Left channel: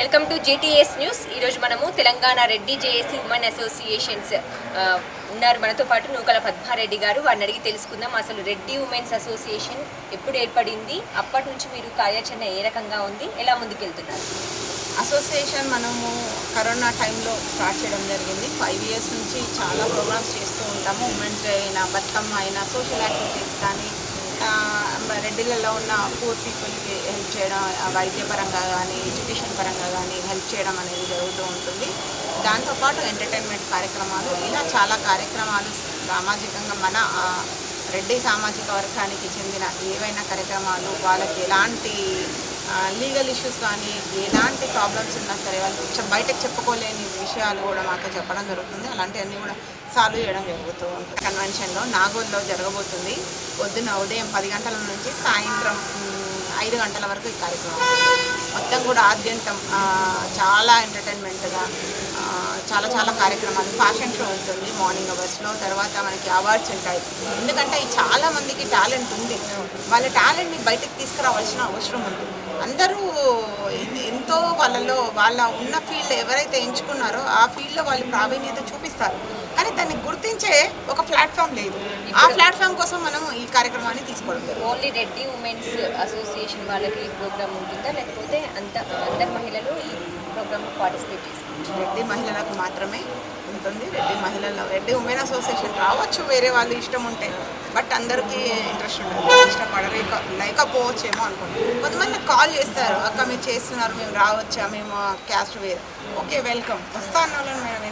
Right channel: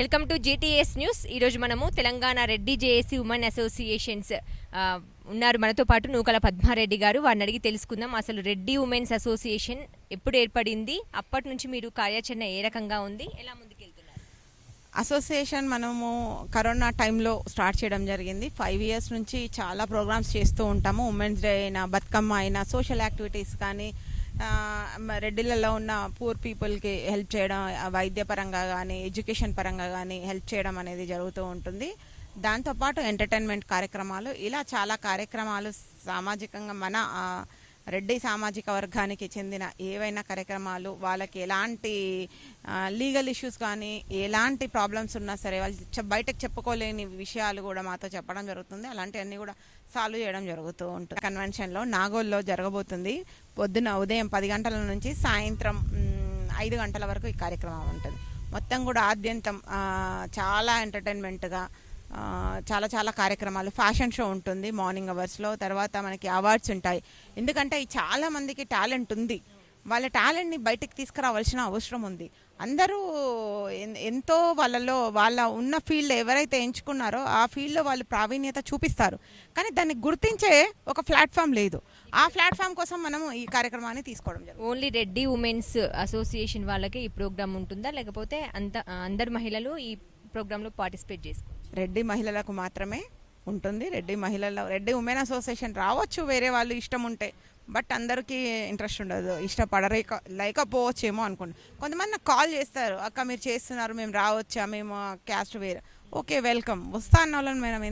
Welcome to JTS news. ఈరోజు మనము Telangana Reddy JAC women associations ఉన్నారు. మనతో పాటు నూకల పద్మారెడ్డి గారు. వారిని అడిగి తెలుసుకుందాం. అసలు రెడ్డి ఉమెన్స్ అసోసియేషన్ ఎప్పుడు ఏర్పడింది? అప్పటి నుంచి మీరు కార్యాచరణ ఏ రకంగా ఉంది? ఎలా ముందుకెళ్తున్నారు? అసోసియేషన్ మనము కరోనా టైంలో స్టార్ట్ చేయడం జరిగింది. ఫైవ్ ఇయర్స్ నుంచి చాలా ప్రోగ్రామ్స్ చేస్తూ ఉంటాము. ఉమెన్స్ డే అయినా బతుకమ్మ అయినా సోషల్ యాక్టివిటీస్ కానీ రెడ్డిలలో ఉన్న పూర్ పీపుల్కి హెల్ప్ చేయడం వైద్య వైద్యపరంగా కానీ ఎడ్యుకేషన్ పరంగా కానీ హెల్ప్ చేయడం అనేది జరుగుతూ ఉంటుంది. దాంతోపాటు ఎంటర్టైన్మెంట్ కార్యక్రమాలు ఇలా చాలా కార్యక్రమాలు సామాజికంగా మన రెడ్డి సామాజిక వర్గానికి చెందిన ఏవైనా కార్యక్రమాలు వాళ్ళకి ఎలాంటి లీగల్ ఇష్యూస్ కానీ ఎలాంటి ప్రాబ్లమ్స్ ఉన్నా సరే వాళ్ళు బయటకు చెప్పుకోలేని విషయాలు కూడా మాతో చెప్పడం జరుగుతుంది. అలాంటివన్నీ కూడా సాల్వ్ చేయడం జరుగుతూ ఉంటుంది. కన్వెన్షన్లో నాగోల్లో జరగబోతుంది. పొద్దున్న ఉదయం పది గంటల నుంచి సాయంత్రం ఐదు గంటల వరకు ఈ కార్యక్రమం మొత్తం కూడా ఆద్యంతం చాలా ఎంటర్టైన్మెంట్గా చాలా చాలా కార్యక్రమాలు ఫ్యాషన్ షో ఉంటుంది మార్నింగ్ అవర్స్లో తర్వాత మనకి అవార్డ్స్ ఉంటాయి. ఎందుకంటే చాలా మందికి టాలెంట్ ఉంది. వాళ్ళ టాలెంట్ని బయటకు తీసుకురావాల్సిన అవసరం ఉంది. అందరూ ఎంతో వాళ్ళలో వాళ్ళ ఉన్న ఫీల్డ్ ఎవరైతే ఎంచుకున్నారో ఆ ఫీల్డ్లో వాళ్ళు ప్రావీణ్యత చూపిస్తారు. కానీ దాన్ని గుర్తించే ఒక ప్లాట్ఫామ్ లేదు ఆ ప్లాట్ఫామ్ కోసం మనం ఈ కార్యక్రమాన్ని తీసుకోవడం. ఓన్లీ రెడ్డి ఉమెన్స్ అసోసియేషన్ వాళ్ళకి ఈ ప్రోగ్రామ్ ఉంటుందా లేకపోతే అంత అందరు మహిళలు ఈ ప్రోగ్రామ్ పార్టిసిపేట్ చేసుకోవచ్చు రెడ్డి మహిళలకు మాత్రమే ఉంటుంది. రెడ్డి మహిళల రెడ్డి ఉమెన్ అసోసియేషన్ రావచ్చు వేరే వాళ్ళు ఇష్టం ఉంటే. బట్ అందరికీ ఇంట్రెస్ట్ ఉండదు. ఇష్టపడలేక లేకపోవచ్చేమో అనుకుంటున్నాను కొంతమంది కాల్ చేస్తారు. అక్క మీరు చేస్తున్నారు. మేము రావచ్చా? మేము క్యాస్ట్ వేరు. ఓకే వెల్కమ్ వస్తా అన్న వాళ్ళని మేము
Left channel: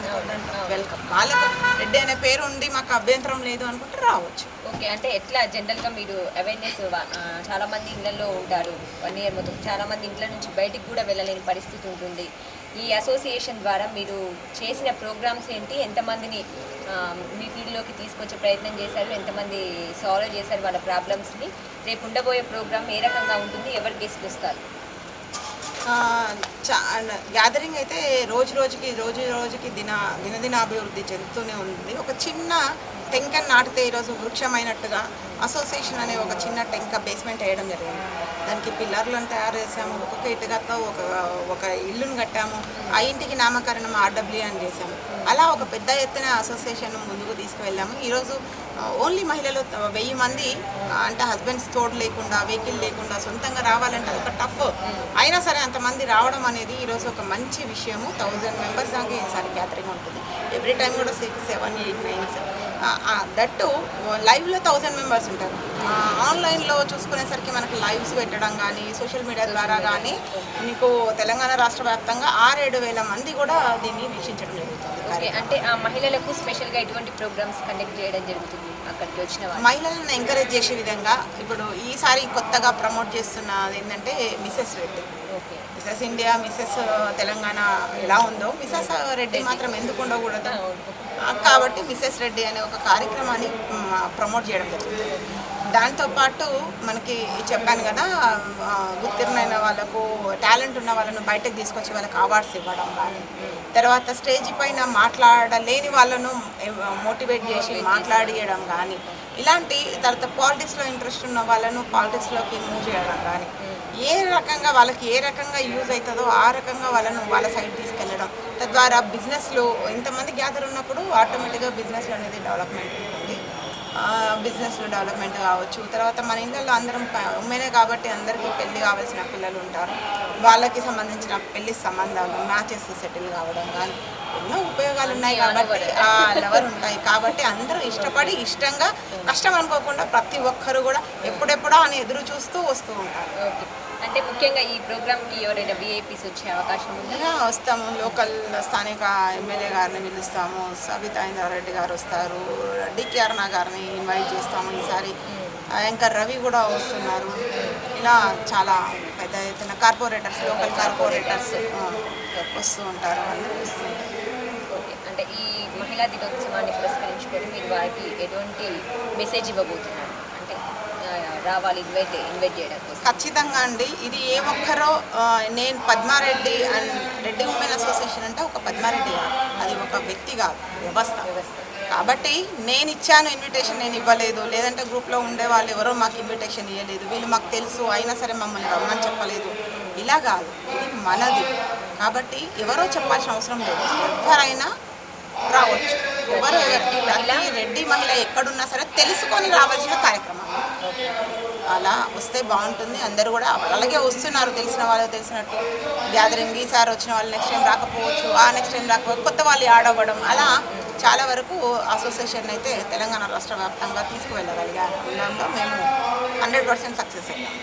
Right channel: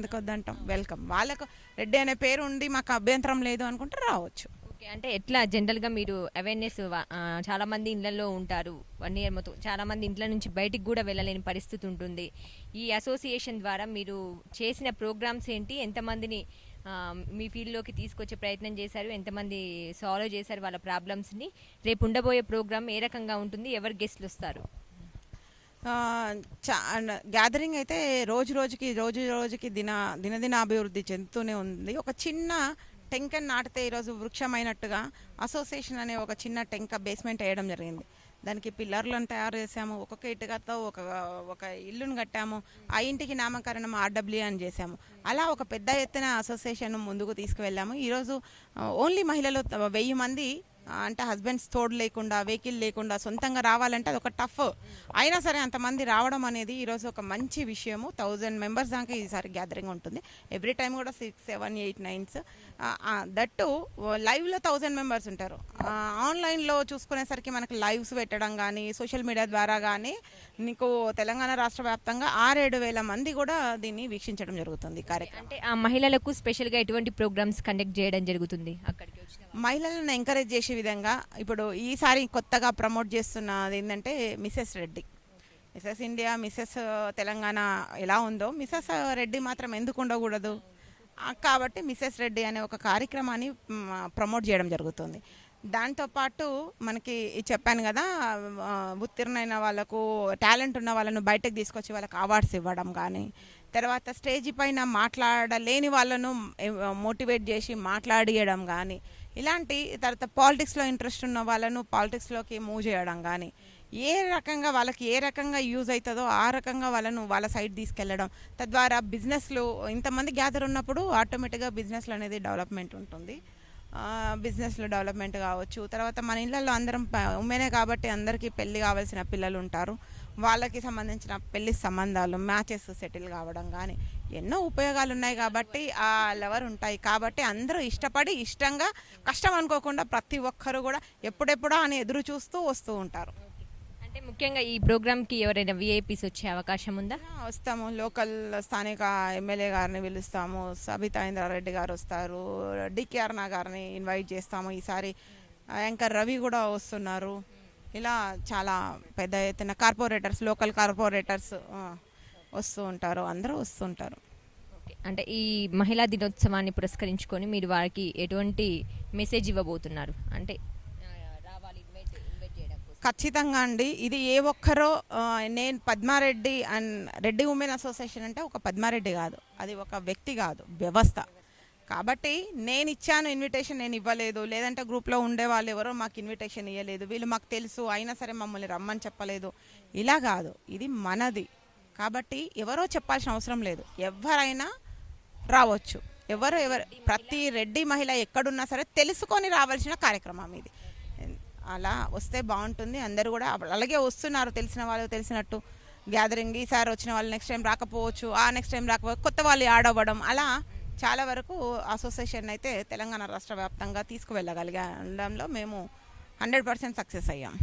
వెల్కమ్ వాళ్ళకు రెడ్డి అనే పేరు ఉంది మాకు అభ్యంతరం లేదు అనుకుంటే రావచ్చు. ఓకే అంటే ఎట్లా జనరల్గా మీరు అవేర్నెస్ చాలామంది ఇళ్ళలో ఉంటారు. వన్ ఇయర్ మొత్తం చాలామంది ఇంట్లో నుంచి బయటికి కూడా వెళ్ళలేని పరిస్థితి ఉంటుంది. ఈ అసోసియేషన్ ద్వారా మీరు చేసిన ప్రోగ్రామ్స్ ఏంటి? ఎంతమందిని మీ ఫీల్డ్లోకి తీసుకొచ్చే ప్రయత్నం చేశారు? ఎంతమంది సాల్వ్ చేశారు వాళ్ళ ప్రాబ్లమ్స్ని? రేపు ఉండబోయే ప్రోగ్రామ్ ఏ రకంగా ఉంటుంది? ఎవరు గెస్ట్ వస్తారు? గ్యాదరింగ్ అయితే రోజు రోజుకి రోజు రోజుకి దిన దినదినాభివృద్ధి చెందుతూనే ఉంది. ఒక చిన్న టెంక నాటితే ఈరోజు వృక్షమైనట్టుగా అసోసియేషన్ అనే ఒక చిన్న టెంక బేస్మెంట్ వేయడం జరిగింది. దానికి పిల్లర్లను తయారు చేసాము ఒక్కొక్క ఇటుకతో ఒక ఒక ఇల్లును కట్టాము ఆ ఇంటికి నామకరణం ఆర్డబ్ల్యూ అని చేసాము అలా ఒక పెద్ద ఎత్తున అసోసియేషన్ ముందుకు తీసుకువెళ్ళాము. ఈరోజు ఓన్లీ మహిళలు వెయ్యి మంది అంటే హస్బెండ్స్ తోడు లేకుండా వెహికల్ లేకుండా సొంతంగా రావాలంటే అది ఒక టఫ్. అయినా సరే అంతమంది రావడం అనేది ఈరోజు ఒక మంచి విషయము. థౌజండ్ మెంబర్స్ దాకా ఈసారి గ్యాదరింగ్ ఉంటుంది. ఎవ్రీ టైం కూడా six seven eight nines that లైవ్లో థౌజండ్ మెంబర్స్ ఉంటారు. ఆన్లైన్లో చూసుకునేసరికి మనకి లైవ్స్ పెట్టడం కానీ సోషల్ మీడియా ద్వారా కానీ మీకు తెలంగాణ రాష్ట్ర వ్యాప్తంగా ఆరేడు వేల మంది కూడా దీన్ని వీక్షించడం జరుగుతుంది. అంటే ఆ మహిళలకు స్పెషల్గా ఎటువంటి ప్రోగ్రామ్స్ కండక్ట్ చేయడం జరుగుతుంది అక్కడికి వచ్చిన మహిళలను ఎంకరేజ్ చేసే విధంగా ఇప్పుడు ఈసారి కొత్తగా ప్రమోట్ చేస్తున్నది ఏంటంటే Mrs Reddy. Okay Mrs India Mrs Telangana ఎలా ఉందో మిసెస్ రెడ్డి మాత్రం ఎందుకు ఉండకూడదు? కాబట్టి మిసెస్ రెడ్డి అనే ఒక కార్యక్రమాన్ని ప్రమోట్ చేయడం జరుగుతుంది. దాంతోపాటు మనకి చెప్పాను కదా ఉత్తీర్ణైన ఉత్తీర్ణమైన వాళ్ళకు టాలెంట్ ఉన్న వాళ్ళను బయటకు తీసుకొచ్చి వాళ్ళకి అవార్డ్స్ ఇవ్వడం కానీ తర్వాత స్టేజ్ పైన మాట్లాడలేని వాళ్ళను మోటివేట్ చేసి మాట్లాడియడం కానీ ఇలాంటి తర్వాత పాలిటిక్స్లో ఇంట్రెస్ట్ ఉన్న వాళ్ళను పాలిటిక్స్లోకి మూవ్ చేయడం కానీ ఏ రకంగా వాళ్ళకి ఏ రకంగా యూజ్ అవుతుందో ఆ రకంగా వాళ్ళను వాళ్ళ సైడ్ తీసుకెళ్ళడం. తద్వారా బిజినెస్లో ఇంతమంది గ్యాదర్ ఉన్నప్పుడు ఆటోమేటిక్గా బిజినెస్లో అనేది డెవలప్మెంట్ ఉంటుంది. బిజినెస్లో డెవలప్మెంట్ కావచ్చు. తర్వాత మన ఇళ్ళల్లో అందరం ఉమెనే కాబట్టి అందరికీ పెళ్ళి కావాల్సిన పిల్లలు ఉంటారు. వాళ్ళకి సంబంధించిన పెళ్ళి సంబంధాలు మ్యాచెస్ సెటిల్ కావడం కానీ ఎన్నో ఉపయోగాలు ఉన్నాయి కాబట్టి ఆ లెవర్ ఉంటాయి. కాబట్టి అందరూ ఇష్టపడి ఇష్టంగా కష్టం అనుకోకుండా ప్రతి ఒక్కరు కూడా ఎప్పుడెప్పుడో అని ఎదురు చూస్తూ వస్తూ ఉంటారు. ఓకే. అంటే ముఖ్యంగా ఈ ప్రోగ్రామ్కి ఎవరైనా విఐపీస్ వచ్చే అవకాశం ఉందా? వస్తాము. లోకల్ స్థానిక ఎమ్మెల్యే గారిని పిలుస్తాము. సబితా ఇంద్రారెడ్డి గారు వస్తారు. డికే అరుణ గారిని ఇన్వైట్ చేస్తాము ఈసారి. యాంకర్ రవి కూడా వస్తున్నారు. ఇలా చాలా పెద్ద ఎత్తున కార్పొరేటర్స్ లోకల్ కార్పొరేటర్స్ వస్తూ ఉంటారు అందరూ వస్తుంటారు అంటే ఈ మహిళా దినోత్సవాన్ని పురస్కరించుకొని మీరు వారికి ఎటువంటి మెసేజ్ ఇవ్వబోతున్నారు? అంటే రావాలి ఇన్వైట్ ఇన్వైట్ చేయడం ఖచ్చితంగా అండి. ఇది ఏ ఒక్కరో నేను Padma Reddy and Reddy women association అంటే ఒక పద్మారెడ్డి కాదు అది ఒక వ్యక్తి కాదు వ్యవస్థ. కాబట్టి నేను ఇచ్చాను ఇన్విటేషన్ నేను ఇవ్వలేదు. లేదంటే గ్రూప్లో ఉండే వాళ్ళు ఎవరో మాకు ఇన్విటేషన్ ఇవ్వలేదు వీళ్ళు మాకు తెలుసు అయినా సరే మమ్మల్ని రమ్మని చెప్పలేదు. ఇలా కాదు. ఇది మనది. కాబట్టి ఎవరో చెప్పాల్సిన అవసరం లేదు. ఎవరైనా రావచ్చు. ఎవరు ప్రతి రెడ్డి మహిళ ఎక్కడున్నా సరే తెలుసుకొని రావాల్సిన కార్యక్రమం. అలా వస్తే బాగుంటుంది. అందరూ కూడా అలాగే వస్తున్నారు. తెలిసిన వాళ్ళు తెలిసినట్టు. గ్యాదరింగ్ ఈసారి వచ్చిన వాళ్ళు నెక్స్ట్ టైం రాకపోవచ్చు. ఆ నెక్స్ట్ టైం రాకపోవచ్చు. కొత్త వాళ్ళు యాడ్ అవ్వడం. అలా చాలా వరకు అసోసియేషన్ అయితే తెలంగాణ రాష్ట్ర వ్యాప్తంగా తీసుకువెళ్ళగలిగా. మేము హండ్రెడ్ పర్సెంట్ సక్సెస్ అయ్యాం.